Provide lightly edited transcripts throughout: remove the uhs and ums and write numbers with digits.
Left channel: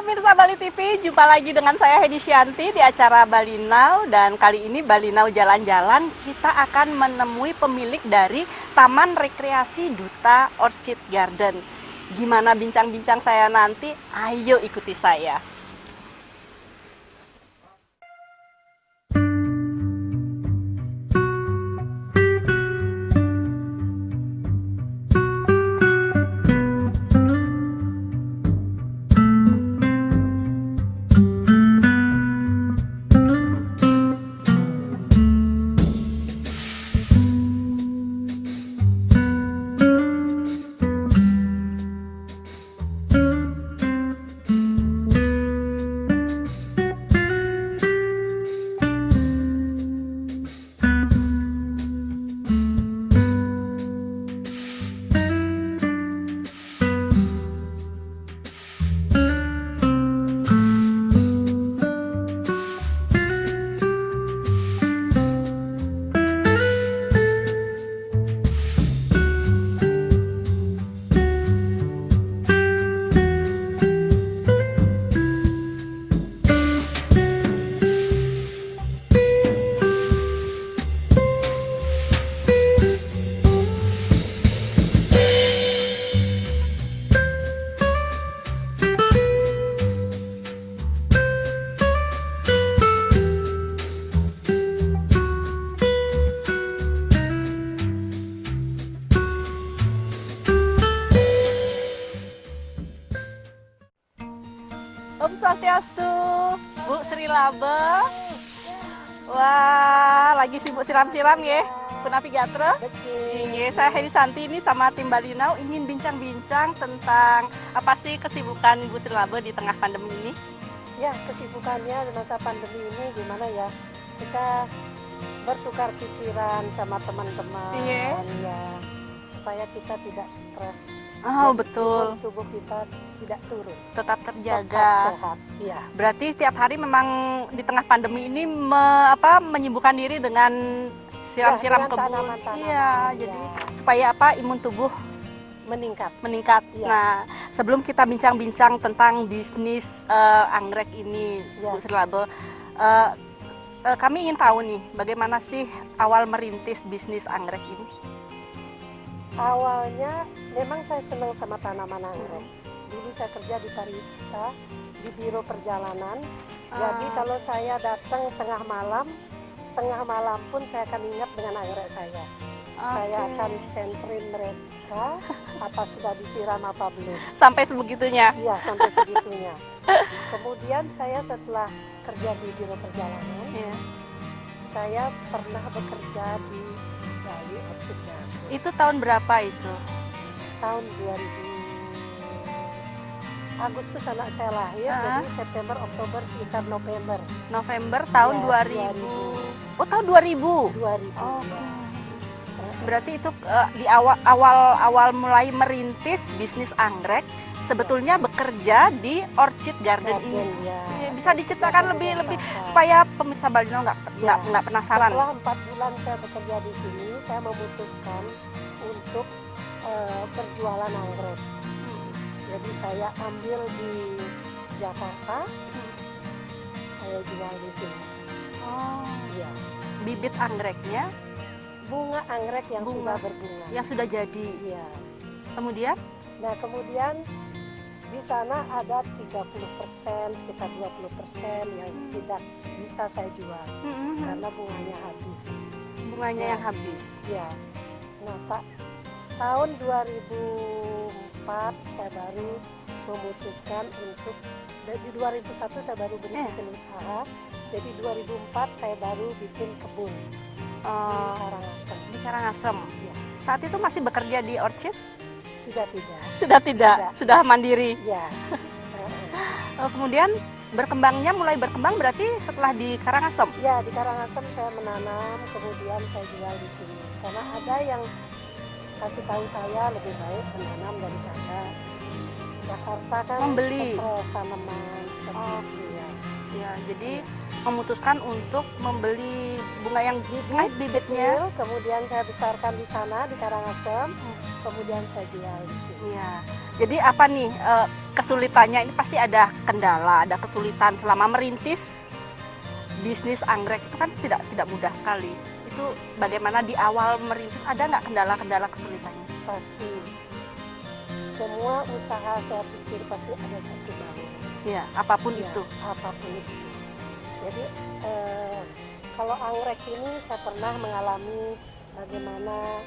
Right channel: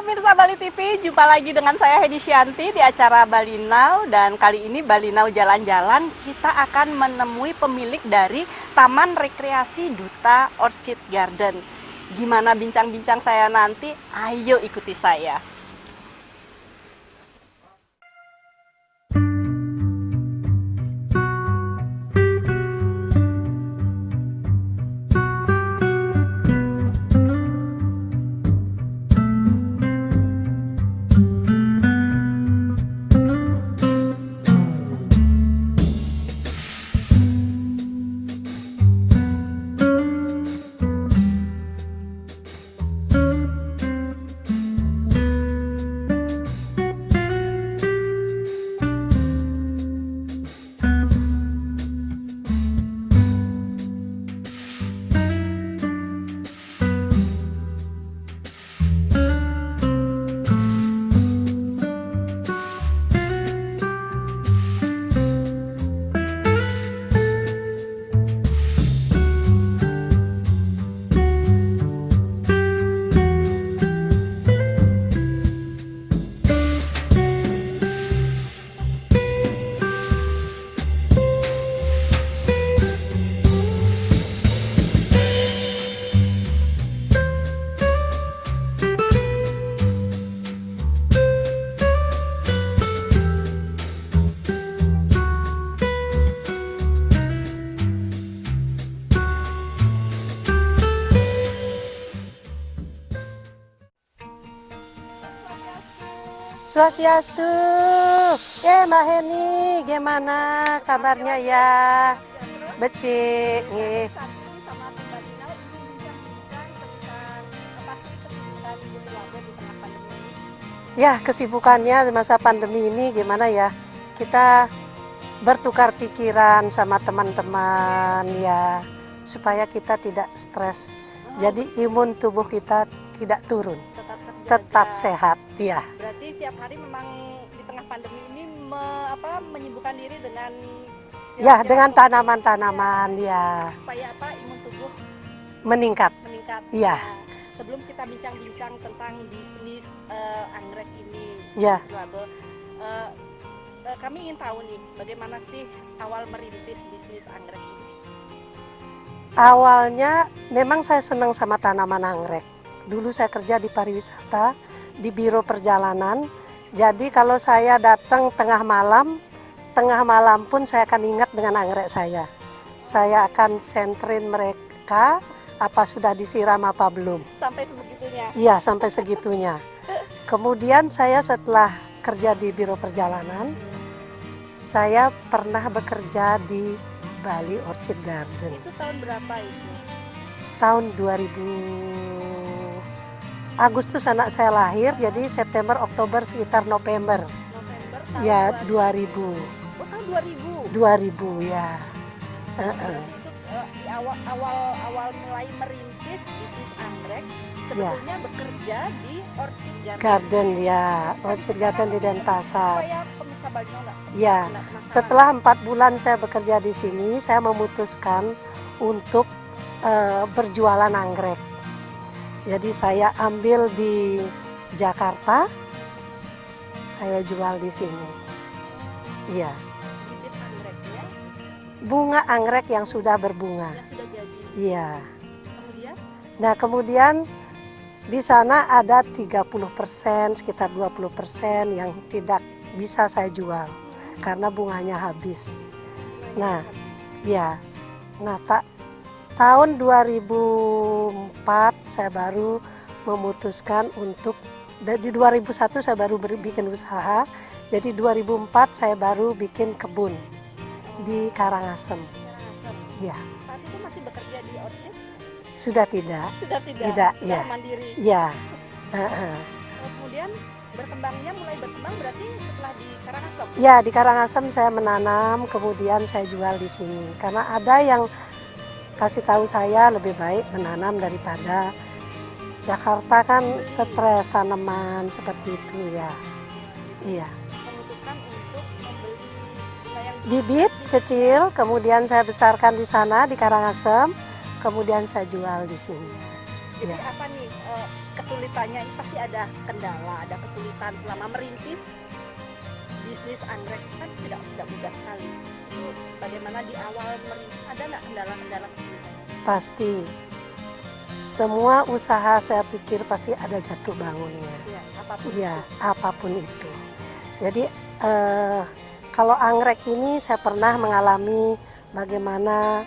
pemirsa Bali TV, jumpa lagi dengan saya Hedi Syanti di acara Bali Now. Dan kali ini Bali Now jalan-jalan, kita akan menemui pemilik dari Taman Rekreasi Duta Orchid Garden. Gimana bincang-bincang saya nanti? Ayo ikuti saya. Om Swastiastu. Swastiastu. Mbak Heni, Wah, gimana? lagi sibuk siram-siram ya? Kenapa Gatra? Becik. Saya Hedi Santi ini sama tim Bali Now ingin bincang-bincang tentang apa sih kesibukan Ibu Sri Labo di tengah pandemi ini? Ya, kesibukannya di masa pandemi ini gimana ya? Kita bertukar pikiran sama teman-teman ya, supaya kita tidak stres. Jadi imun tubuh kita tidak turun, tetap terjaga, tetap sehat ya. Berarti setiap hari memang di tengah pandemi ini menyibukkan diri dengan Ya, siram-siram dengan kebun. tanaman-tanaman Iya, ya, supaya imun tubuh meningkat. Iya. Nah, sebelum kita bincang-bincang tentang bisnis anggrek ini, Ya. Bu Sri Labo, kami ingin tahu nih, bagaimana sih awal merintis bisnis anggrek ini? Awalnya memang saya senang sama tanaman anggrek. Dulu saya kerja di pariwisata, di biro perjalanan. Jadi kalau saya datang tengah malam pun saya akan ingat dengan anggrek saya. Saya akan sentrin mereka, apa sudah disiram apa belum. Sampai sebegitunya? Iya, sampai segitunya. Kemudian saya setelah kerja di biro perjalanan, saya pernah bekerja di Bali Orchid Garden. Itu tahun berapa itu? Tahun 2000 Agustus anak saya lahir, jadi September, Oktober, sekitar November. November tahun Ya, 2000. Oh, tahun 2000. 2000 ya. Berarti itu di awal mulai merintis bisnis anggrek, sebetulnya bekerja di Orchid Garden ini. Ya. Bisa diceritakan lebih supaya pemirsa Bali Now nggak penasaran. Setelah 4 bulan saya bekerja di sini, saya memutuskan untuk berjualan anggrek. Jadi saya ambil di Jakarta, saya jual di sini. Iya. Bibit anggreknya? Bunga anggrek yang sudah berbunga. Yang sudah jadi. Iya. Kemudian? Nah, kemudian di sana ada 30%, sekitar 20% yang tidak bisa saya jual karena bunganya habis. Bunganya habis. Iya. Nah, tahun 2004 saya baru memutuskan untuk, di 2001 saya baru bikin usaha. Jadi 2004 saya baru bikin kebun di Karangasem. Di Karangasem. Iya. Saat itu masih bekerja di Orchid? Sudah tidak. Sudah tidak. Sudah ya. Mandiri. Iya. Kemudian mulai berkembang berarti setelah di Karangasem? Ya, di Karangasem saya menanam, kemudian saya jual di sini. Karena ada yang kasih tahu saya lebih baik menanam daripada Jakarta kan stres tanaman seperti itu ya. Jadi memutuskan untuk membeli bunga yang bibit kecil, kemudian saya besarkan di sana di Karangasem, kemudian saya jual di sini. Jadi apa nih kesulitannya? Ini pasti ada kendala, ada kesulitan selama merintis bisnis anggrek itu kan tidak mudah sekali. Itu bagaimana di awal merintis, ada nggak kendala-kendala kesulitannya? Pasti. Semua usaha saya pikir pasti ada jatuh bangunnya. Iya, apapun Ya, itu. apapun itu. Jadi kalau anggrek ini saya pernah mengalami bagaimana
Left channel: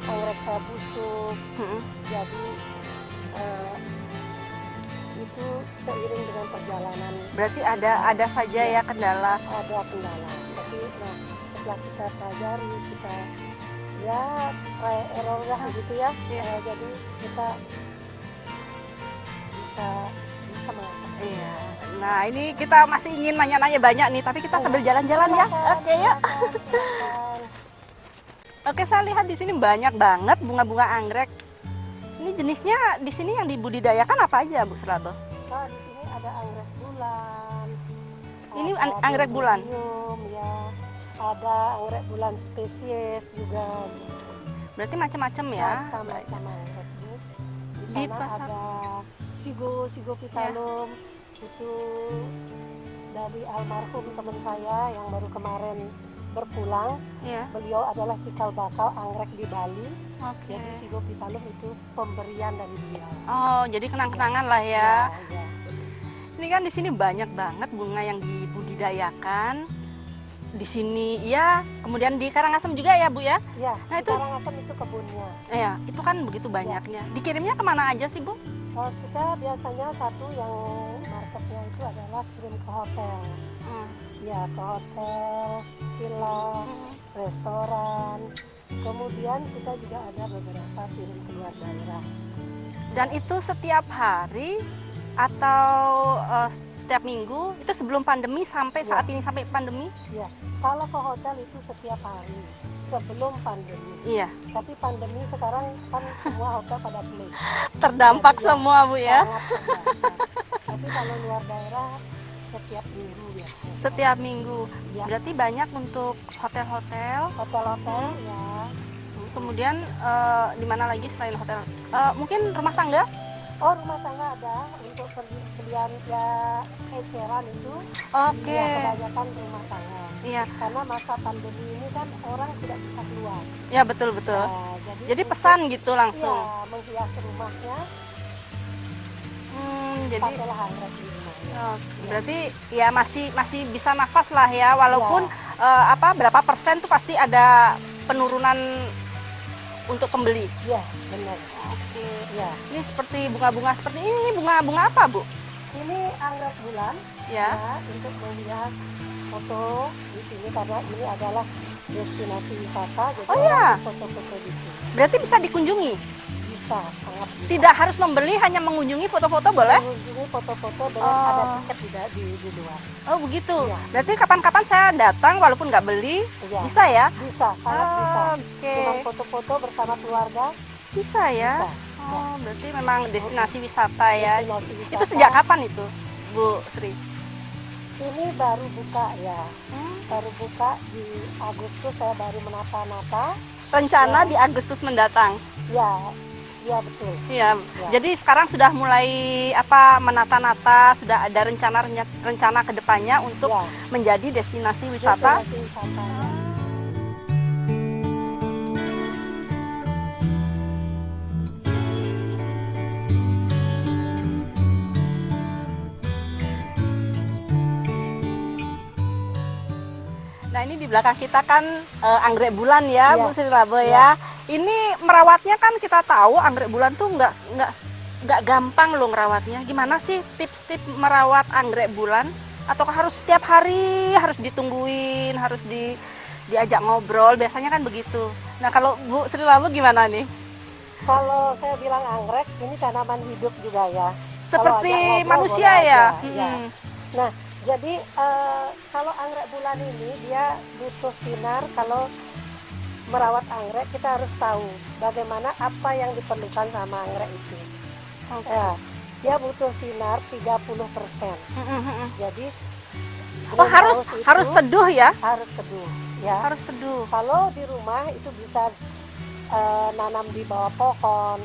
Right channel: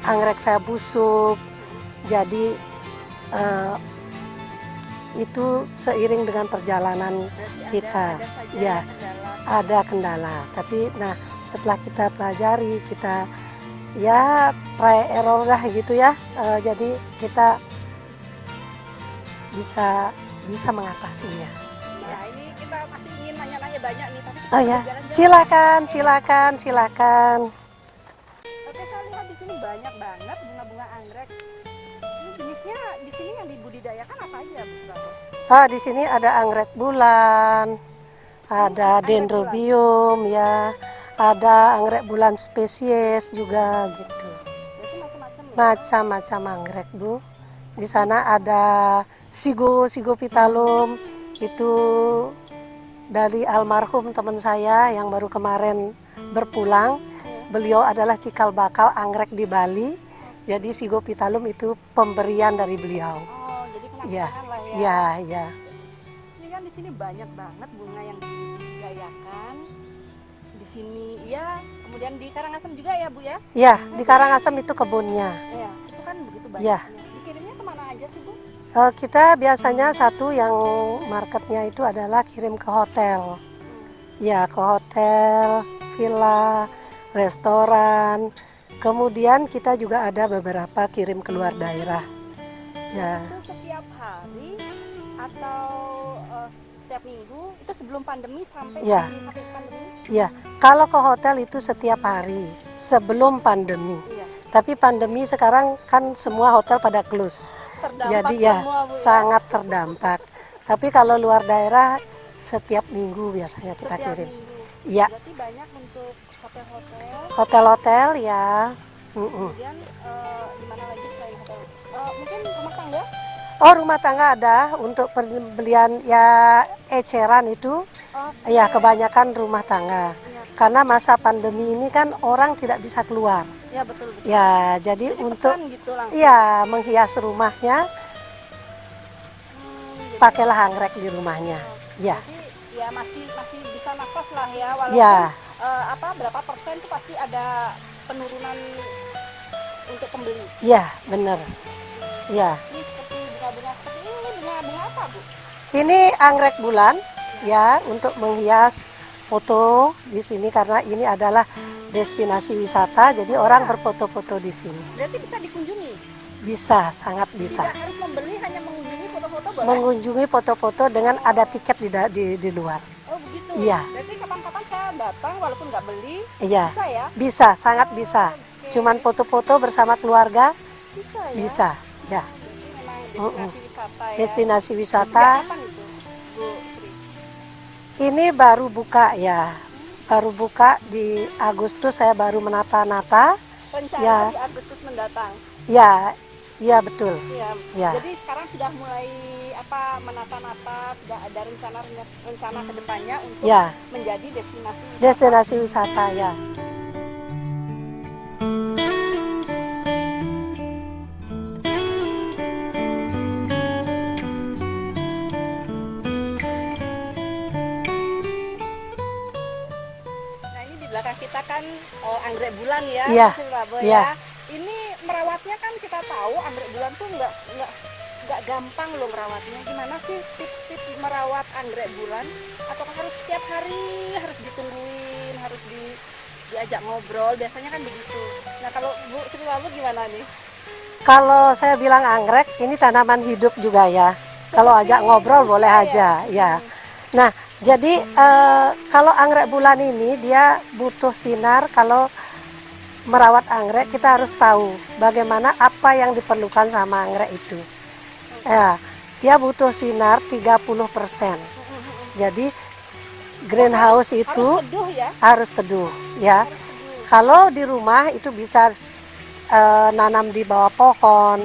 anggrek saya busuk. Mm-mm. Jadi itu seiring dengan perjalanan Berarti kita. ada saja Ya. ya kendala. ada kendala. Tapi nah setelah kita pelajari, kita ya try error lah gitu ya. Jadi kita bisa mengatasinya. Nah, ini kita masih ingin nanya-nanya banyak nih, tapi kita Oh sambil ya, jalan-jalan silakan, ya. Oke, ya. silakan. Oke, saya lihat di sini banyak banget bunga-bunga anggrek. Ini jenisnya di sini yang dibudidayakan apa aja, Bu Serato? Di sini ada anggrek bulan, ada anggrek bulan? dendrobium ya, ada anggrek bulan spesies juga gitu. Berarti macam-macam ya? Macam-macam anggrek, Bu. Di sana ada Sigopitalum, itu dari almarhum teman saya yang baru kemarin berpulang. Iya. Beliau adalah cikal bakal anggrek di Bali. Oke. Jadi Sigopitalum itu pemberian dari beliau. Oh, jadi kenang-kenangan lah ya. Iya, iya. Ini kan di sini banyak banget bunga yang dibudidayakan. Di sini ya, kemudian di Karangasem juga ya, Bu ya? Iya, Nah, di itu- Karangasem itu kebunnya. Iya, itu kan begitu Iya. banyaknya. Dikirimnya kemana aja sih, Bu? Kita biasanya satu yang marketnya itu adalah kirim ke hotel. Ya, ke hotel, villa, restoran. Kemudian kita juga ada beberapa kirim keluar daerah. Dan Ya. itu setiap hari atau setiap minggu? Itu sebelum pandemi sampai Ya. saat ini, sampai pandemi? Ya, kalau ke hotel itu setiap hari sebelum pandemi. Iya, Tapi pandemi sekarang kan semua hotel pada close. terdampak Jadi ya, semua, Bu ya? sangat terdampak. Tapi kalau luar daerah setiap minggu biasanya kita Setiap kirim. minggu. Iya. Berarti banyak untuk hotel-hotel. Hotel-hotel ya. Kemudian di mana lagi selain hotel? Mungkin rumah tangga? Oh, rumah tangga ada untuk pembelian ya eceran itu. Oke. Ya, kebanyakan rumah tangga. Iya, Karena masa pandemi ini kan orang tidak bisa keluar. ya betul betul. Ya, jadi Jadi untuk pesan gitu langsung. ya menghias rumahnya Jadi, pakailah anggrek di rumahnya. oh, Ya. Berarti ya masih bisa nafas lah ya, walaupun Ya, berapa persen tuh pasti ada penurunan untuk pembeli. ya benar. Ya, Ini seperti bunga-bunga seperti ini bunga-bunga apa, Bu? ini anggrek bulan Ya. ya untuk menghias foto di sini karena ini adalah destinasi wisata. Jadi Oh, orang ya. berfoto-foto di sini. Berarti bisa dikunjungi. Bisa, sangat bisa. Tidak harus membeli, hanya mengunjungi foto-foto boleh? Mengunjungi foto-foto dengan Oh. ada tiket di luar. Oh, begitu. Iya. Berarti kapan-kapan saya datang walaupun nggak beli, Iya, bisa ya? bisa, sangat Oh, bisa. oke. Cuman foto-foto bersama keluarga Bisa ya? bisa. Oh, Ya, berarti memang destinasi wisata ya. destinasi Itu sejak wisata. kapan itu, Bu Sri? Ini baru buka ya. Hmm, Baru buka di Agustus, saya baru menata-nata. Rencana Ya. di Agustus mendatang. Ya, iya betul. Iya. Ya. Jadi sekarang sudah mulai menata-nata, sudah ada rencana ke depannya untuk Ya, menjadi destinasi wisata. destinasi wisata ya. Nah, ini di belakang kita kan anggrek bulan ya, Iya, Bu Sri Rabo iya. ya. Ini merawatnya kan kita tahu anggrek bulan tuh nggak gampang loh merawatnya. Gimana sih tips-tips merawat anggrek bulan? Ataukah harus setiap hari harus ditungguin, harus diajak ngobrol? Biasanya kan begitu. Nah, kalau Bu Sri Rabo gimana nih? Kalau saya bilang anggrek, ini tanaman hidup juga ya. Kalau Seperti ajak ngobrol manusia boleh aja, ya. Hmm. Nah, jadi kalau anggrek bulan ini dia butuh sinar. Kalau merawat anggrek kita harus tahu bagaimana apa yang diperlukan sama anggrek itu. Oke. Ya, dia butuh sinar 30%. Jadi Oh, greenhouse itu harus teduh ya? harus teduh, ya. Harus teduh. Kalau di rumah itu bisa nanam di bawah pohon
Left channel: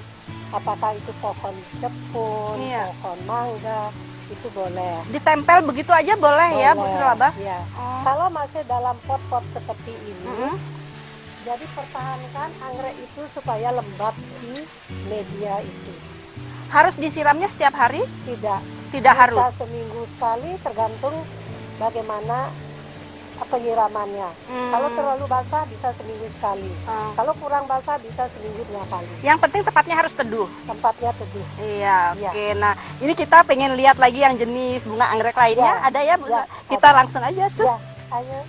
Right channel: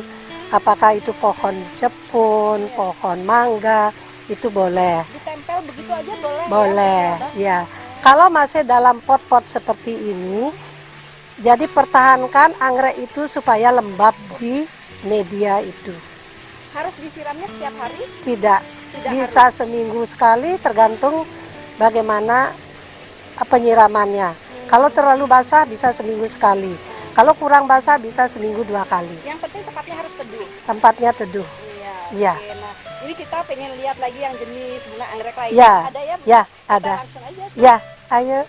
Apakah itu pohon jepun, Iya. pohon mangga, itu boleh. Ditempel begitu aja boleh, ya, Bu Boleh, Silaba? ya. Oh. Kalau masih dalam pot-pot seperti ini, jadi pertahankan anggrek itu supaya lembab di media itu. Harus disiramnya setiap hari? Tidak, Tidak bisa harus. seminggu sekali tergantung bagaimana penyiramannya. Kalau terlalu basah bisa seminggu sekali. Oh. Kalau kurang basah bisa seminggu 2 kali. Yang penting tempatnya harus teduh. Tempatnya teduh. Iya, Iya. oke. Nah, ini kita pengen lihat lagi yang jenis bunga anggrek lainnya. Ya, Ada ya, Bu? ya, Kita ada. langsung aja tuh. Ya, ayo.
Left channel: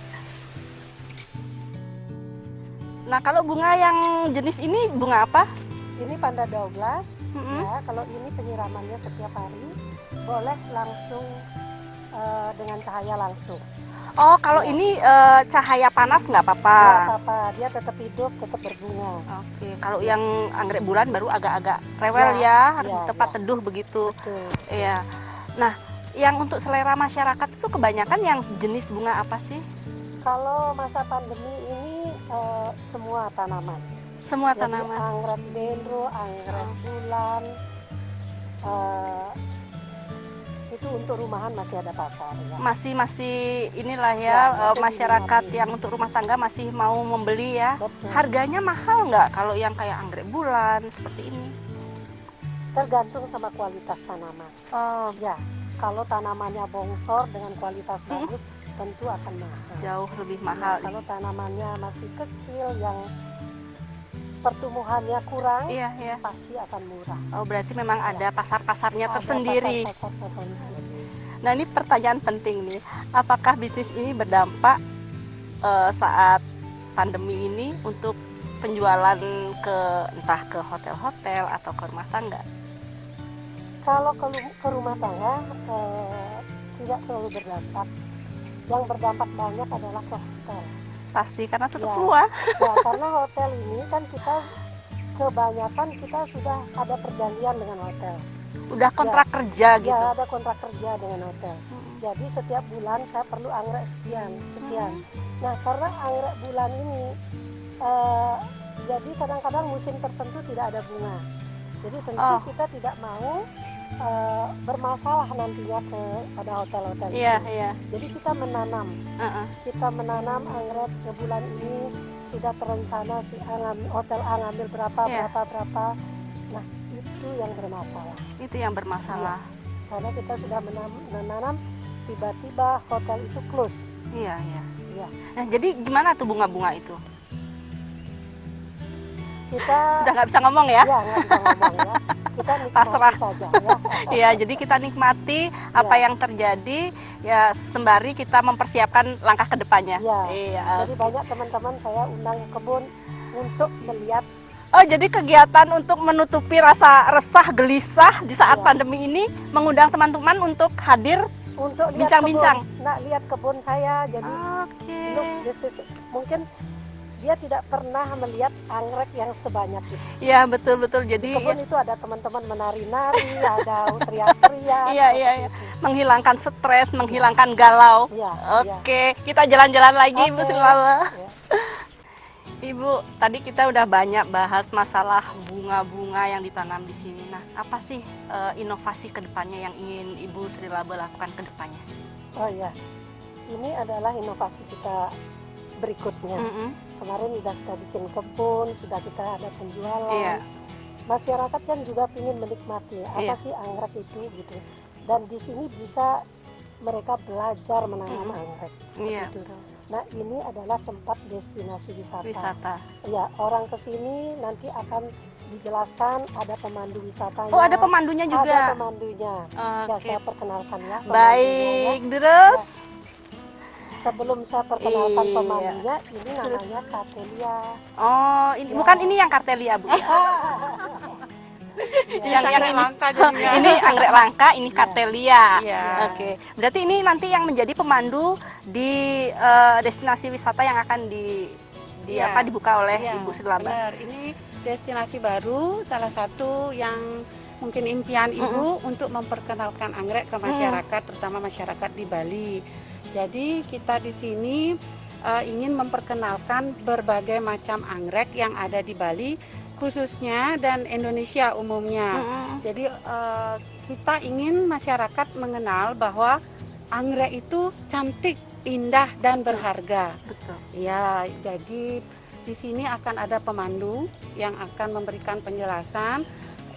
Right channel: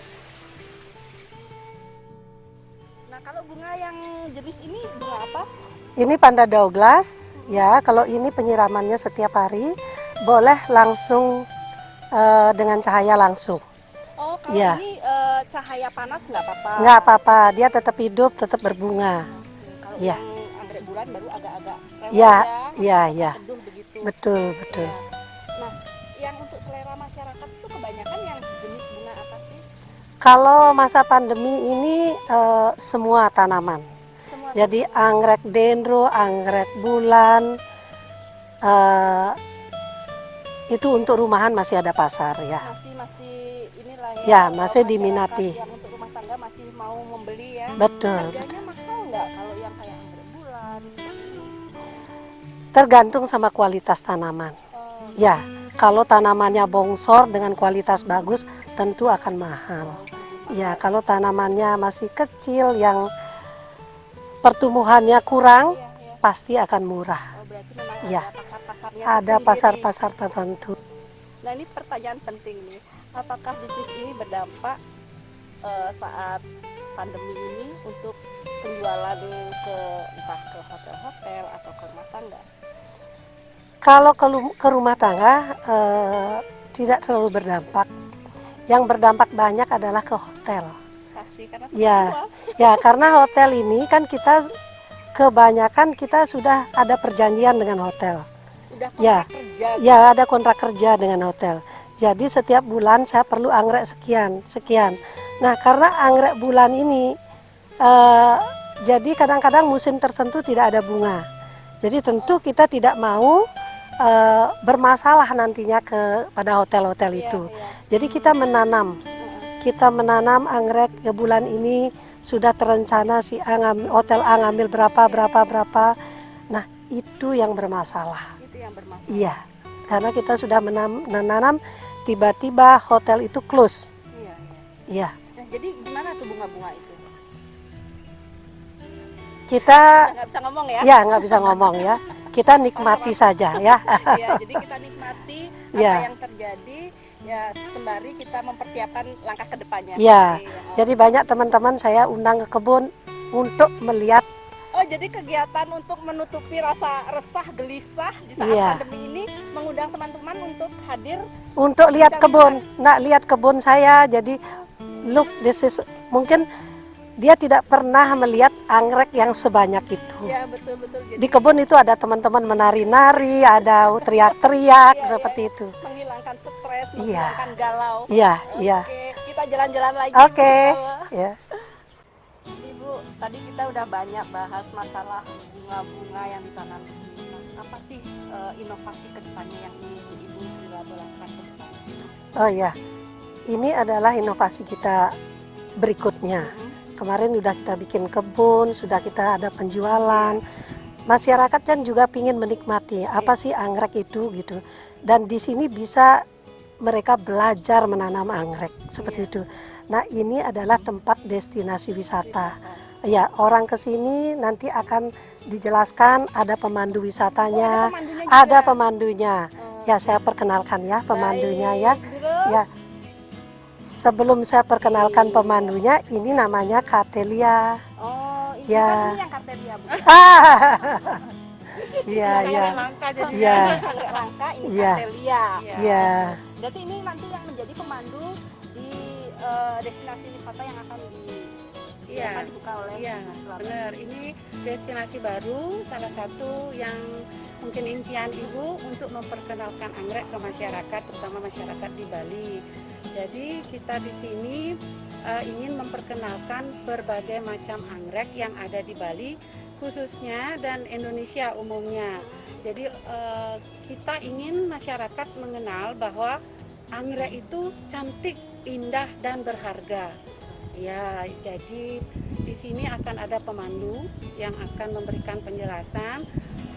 Nah, kalau bunga yang jenis ini bunga apa? Ini Panda Douglas, Mm-mm. ya. Kalau ini penyiramannya setiap hari, boleh langsung dengan cahaya langsung. Oh, kalau Iya. ini cahaya panas nggak apa-apa? Nggak apa-apa, dia tetap hidup, tetap berbunga. Oke, kalau Iya. yang anggrek bulan baru agak-agak rewel Iya, ya, harus iya, tempat iya. teduh begitu. Betul, betul. Iya. Nah, yang untuk selera masyarakat itu kebanyakan yang jenis bunga apa sih? Kalau masa pandemi ini semua tanaman. Semua Jadi tanaman. anggrek dendro, anggrek bulan, itu untuk rumahan masih ada pasar ya. masih inilah ya, Ya, masih masyarakat diminati. yang untuk rumah tangga masih mau membeli ya. Betul. Harganya mahal nggak kalau yang kayak anggrek bulan seperti ini? Tergantung sama kualitas tanaman. Oh, Ya, kalau tanamannya bongsor dengan kualitas bagus, tentu akan mahal. jauh lebih mahal. Ya, kalau tanamannya masih kecil yang pertumbuhannya kurang, Iya, iya. pasti akan murah. Oh, berarti memang Iya. ada pasar-pasarnya Ada tersendiri. pasar-pasar tertentu. Nah, ini pertanyaan penting nih. Apakah bisnis ini berdampak saat pandemi ini untuk penjualan entah ke hotel-hotel atau ke rumah tangga? Kalau ke rumah tangga tidak terlalu berdampak. Yang berdampak banyak adalah ke hotel. Pasti karena tutup Iya. semua. Ya, karena hotel ini kan kita kebanyakan kita sudah ada perjanjian dengan hotel. Udah kontrak kerja. Ya, ada kontrak kerja dengan hotel. Jadi setiap bulan saya perlu anggrek sekian. Nah, karena anggrek bulan ini jadi kadang-kadang musim tertentu tidak ada bunga. Jadi tentu Oh. kita tidak mau bermasalah nantinya pada hotel-hotel Iya, itu. iya. Jadi kita menanam. Heeh. Kita menanam anggrek ya bulan ini sudah terencana si hotel A ngambil berapa. Nah, itu yang bermasalah. Itu yang bermasalah. Iya. Karena kita sudah menanam, tiba-tiba hotel itu close. Iya, iya. Iya. Nah, jadi gimana tuh bunga-bunga itu? Kita Udah nggak bisa ngomong ya? ya nggak bisa ngomong ya. Kita nikmati saja ya. Iya, jadi kita nikmati apa Iya. yang terjadi ya sembari kita mempersiapkan langkah ke depannya. Iya. Iya. Jadi banyak teman-teman saya undang ke kebun untuk melihat. Oh, jadi kegiatan untuk menutupi rasa resah gelisah di saat Iya. pandemi ini mengundang teman-teman untuk hadir. Untuk lihat Bincang-bincang. kebun, lihat kebun saya. Jadi look, this is mungkin dia tidak pernah melihat anggrek yang sebanyak itu. Iya, betul-betul. Jadi Di kebun itu ada teman-teman menari-nari, ada teriak-teriak Iya, seperti iya. itu. menghilangkan stres, Iya. menghilangkan galau. Iya, iya. Oke, kita jalan-jalan lagi, Bu Oke. Silala. Ya. Ibu, tadi kita udah banyak bahas masalah bunga-bunga yang ditanam di sini. Nah, apa sih inovasi kedepannya yang ingin Ibu Sri Laba lakukan ke depannya? Oh ya, ini adalah inovasi kita berikutnya. Mm-mm. Kemarin sudah kita bikin kebun, sudah kita ada penjualan. Iya. Masyarakat kan juga ingin menikmati apa sih anggrek itu gitu. Dan di sini bisa mereka belajar menanam anggrek seperti Iya. itu. Nah, ini adalah tempat destinasi wisata. Wisata. Ya, orang ke sini nanti akan dijelaskan, ada pemandu wisatanya. Oh, ada pemandunya juga. Ada pemandunya. Ya, Oke. saya perkenalkan ya pemandunya ya. Baik, terus. Sebelum saya perkenalkan Iya. pemandunya, ini namanya Kartelia. Oh, ini Ya. bukan ini yang kartelia, Bu. Ya? Iya, Yang iya. anggrek langka. Iya. Ini anggrek langka, ini Iya. kartelia. Iya. Oke. Berarti ini nanti yang menjadi pemandu di destinasi wisata yang akan Iya. dibuka oleh Iya, Ibu Sri Laba. benar. Ini destinasi baru, salah satu yang mungkin impian Ibu untuk memperkenalkan anggrek ke masyarakat, terutama masyarakat di Bali. Jadi kita di sini ingin memperkenalkan berbagai macam anggrek yang ada di Bali khususnya dan Indonesia umumnya. Jadi kita ingin masyarakat mengenal bahwa anggrek itu cantik, indah dan berharga. Ya, jadi di sini akan ada pemandu yang akan memberikan penjelasan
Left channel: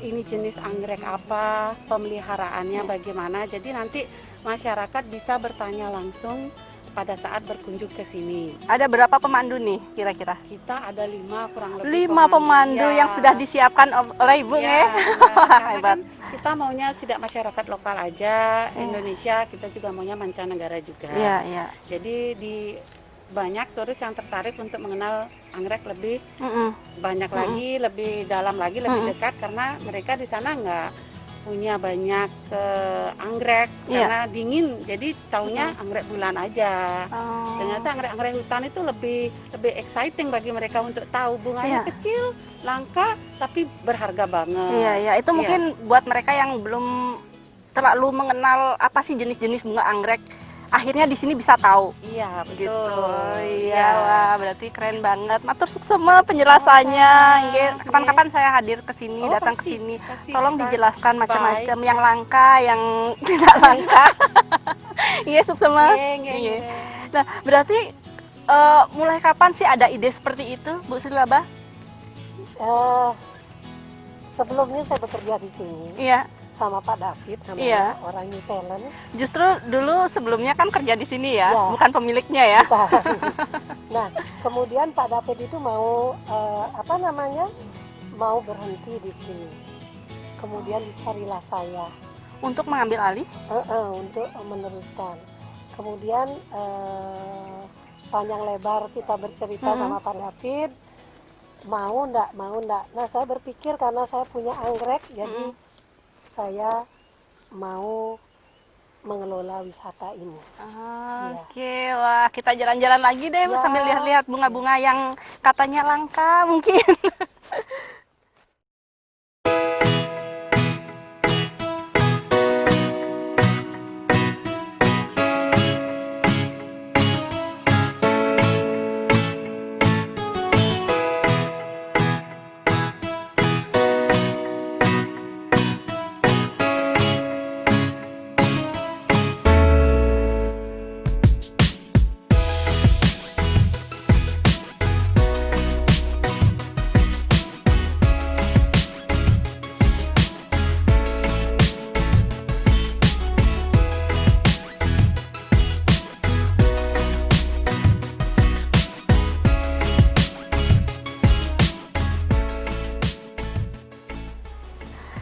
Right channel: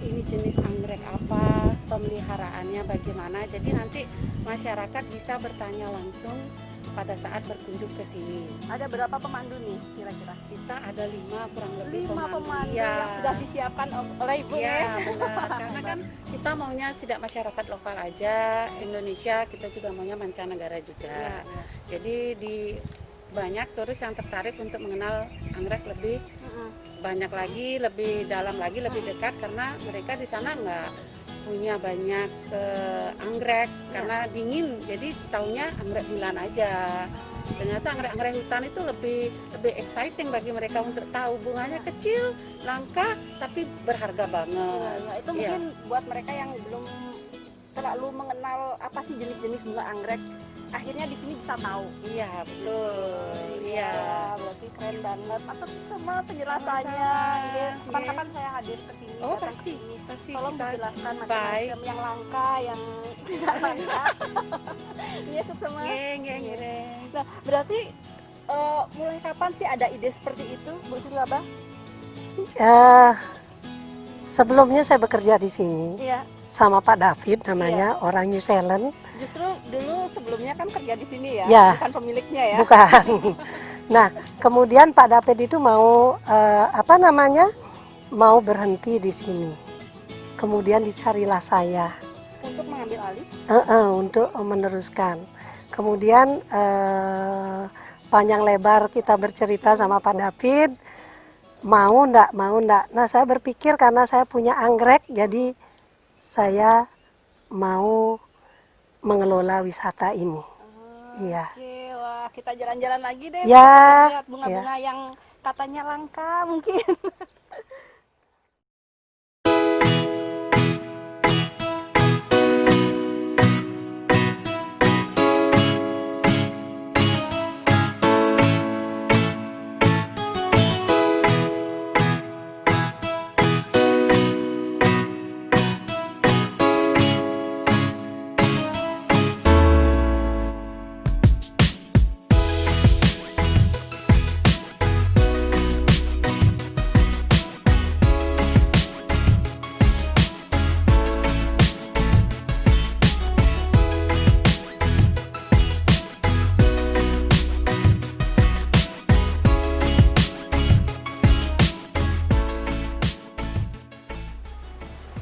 ini jenis anggrek apa, pemeliharaannya bagaimana. Jadi nanti masyarakat bisa bertanya langsung pada saat berkunjung ke sini. Ada berapa pemandu nih kira-kira? Kita ada 5 kurang lebih 5 pemandu Ya. yang sudah disiapkan oleh Ibu Ya, ya. karena Hebat. kan kita maunya tidak masyarakat lokal aja, Indonesia, kita juga maunya mancanegara juga. Iya, iya. Jadi banyak turis yang tertarik untuk mengenal anggrek lebih banyak lagi, lebih dalam lagi, lebih dekat karena mereka di sana nggak punya banyak anggrek karena dingin, jadi taunya anggrek bulan aja. Ternyata anggrek hutan itu lebih exciting bagi mereka untuk tahu bunganya kecil, langka, tapi berharga banget. Iya, iya. Itu mungkin buat mereka yang belum terlalu mengenal apa sih jenis-jenis bunga anggrek. Akhirnya di sini bisa tahu. Iya, betul. Gitu. Iya, wah, berarti keren banget. Matur semua penjelasannya. Kapan-kapan saya hadir ke sini, datang ke sini. Tolong dijelaskan macam-macam yang langka, yang tidak langka. Iya, semua. Iya. Nah, berarti mulai kapan sih ada ide seperti itu, Bu Sri Laba? Sebelumnya saya bekerja di sini Iya. sama Pak David namanya, orang New Zealand. Justru dulu sebelumnya kan kerja di sini ya, Ya. bukan pemiliknya ya. Bukan. Nah, kemudian Pak David itu mau mau berhenti di sini. Kemudian dicarilah saya Untuk mengambil alih. untuk meneruskan. Kemudian panjang lebar kita bercerita sama Pak David, mau ndak. Nah, saya berpikir karena saya punya anggrek, jadi saya mau mengelola wisata ini. Iya. Oke, wah kita jalan-jalan lagi deh, Ya, sambil lihat bunga-bunga yang katanya langka mungkin.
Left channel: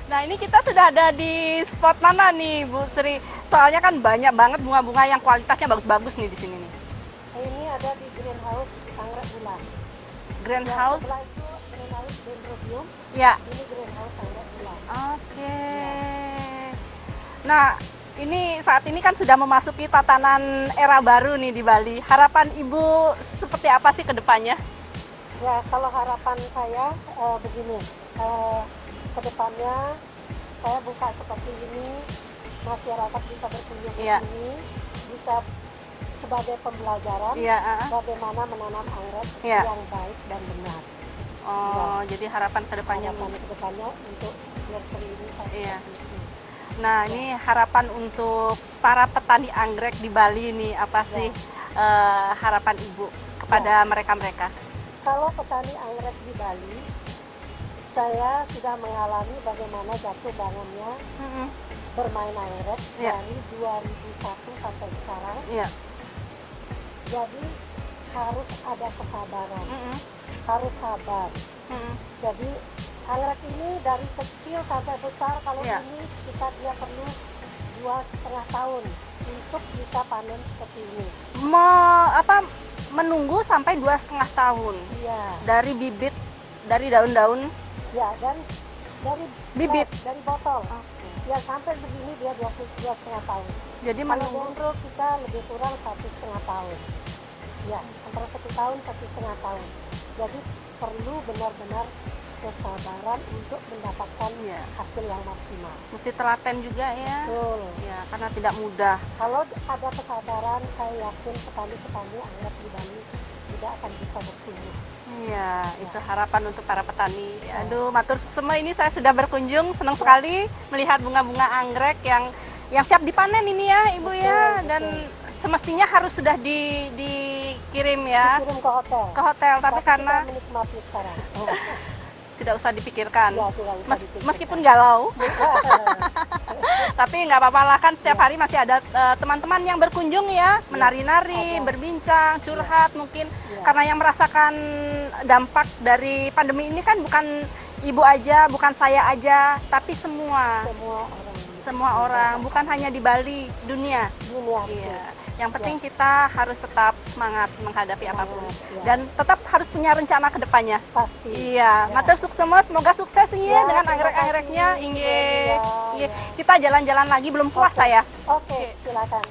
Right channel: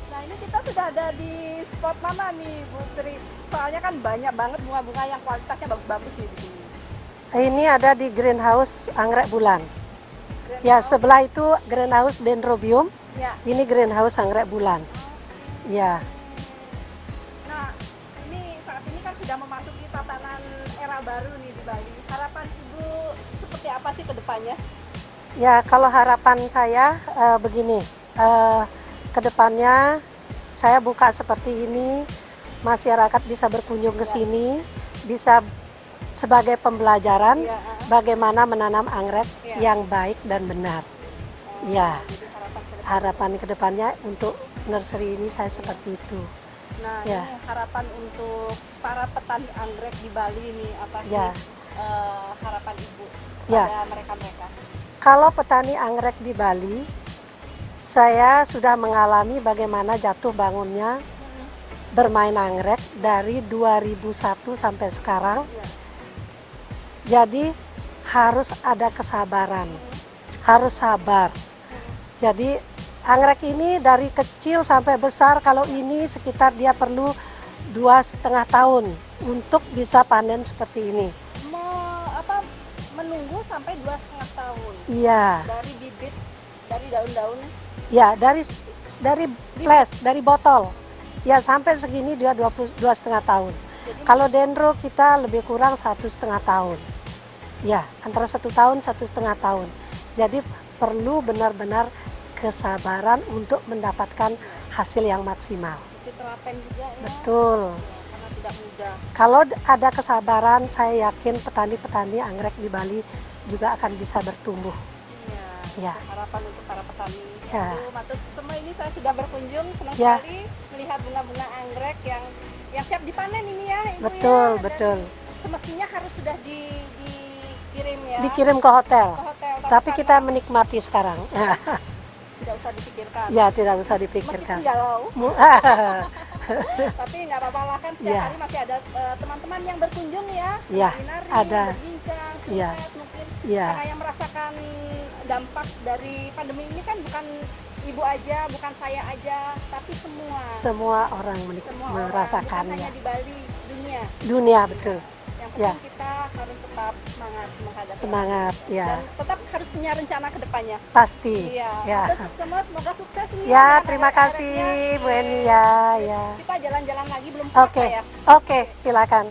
Nah, ini kita sudah ada di spot mana nih, Bu Sri? Soalnya kan banyak banget bunga-bunga yang kualitasnya bagus-bagus nih di sini nih. Ini ada di greenhouse anggrek bulan. Greenhouse. Ya, sebelah itu greenhouse dendrobium. Ya. Ini greenhouse anggrek bulan. Oke. Ya. Nah, ini saat ini kan sudah memasuki tatanan era baru nih di Bali. Harapan Ibu seperti apa sih ke depannya? Ya, kalau harapan saya begini, ke depannya saya buka seperti ini, masyarakat bisa berkunjung ke Iya. sini, bisa sebagai pembelajaran Iya. bagaimana menanam anggrek Iya. yang baik dan benar. Oh, Iya. jadi harapan ke depannya. Harapan ke depannya untuk nursery ini saya Iya. seperti itu. Nah, Ya. ini harapan untuk para petani anggrek di Bali nih, apa sih harapan Ibu kepada mereka-mereka? Kalau petani anggrek di Bali, saya sudah mengalami bagaimana jatuh bangunnya bermain anggrek dari 2001 sampai sekarang. Iya. Jadi harus ada kesabaran, harus sabar. Jadi anggrek ini dari kecil sampai besar, kalau ini sekitar dia perlu 2,5 tahun untuk bisa panen seperti ini. Menunggu sampai 2,5 tahun Iya, dari bibit, dari daun-daun. ya dari flash, dari botol. Ya sampai segini dia 2,5 tahun. Jadi Kalau dendro kita lebih kurang 1,5 tahun. Ya, antara 1 tahun, 1,5 tahun. Jadi perlu benar-benar kesabaran untuk mendapatkan hasil yang maksimal. mesti telaten juga ya. Betul. Ya, karena tidak mudah. Kalau ada kesabaran, saya yakin petani-petani anggrek di Bali juga akan bisa bertumbuh. Iya, Ya. itu harapan untuk para petani. Ya. Aduh, matur semua ini saya sudah berkunjung, senang Ya. sekali melihat bunga-bunga anggrek yang siap dipanen ini ya, Ibu Betul, ya. betul. Dan semestinya harus sudah dikirim ya Dikirim ke hotel. ke hotel, Tapi kita karena menikmati sekarang. tidak usah dipikirkan. Ya, tidak usah dipikirkan. Meskipun galau, tapi nggak apa-apa lah kan setiap Ya. hari masih ada teman-teman yang berkunjung ya, menari-nari, ada. berbincang, curhat mungkin Ya. karena yang merasakan dampak dari pandemi ini kan bukan ibu aja, bukan saya aja, tapi semua Semua orang orang, bukan merasakannya. hanya di Bali, dunia. Dunia, betul. Iya. Yang penting kita harus tetap semangat menghadapi Semangat, apapun ya. dan tetap harus punya rencana ke depannya. Pasti. Iya, Ya. matur sukses, semoga sukses ini Ya, dengan terima kasih, anggrek-anggreknya. Bu Iya. Emi, ya, Iya. ya. Kita jalan-jalan lagi belum puas Oke. saya. Oke, silakan.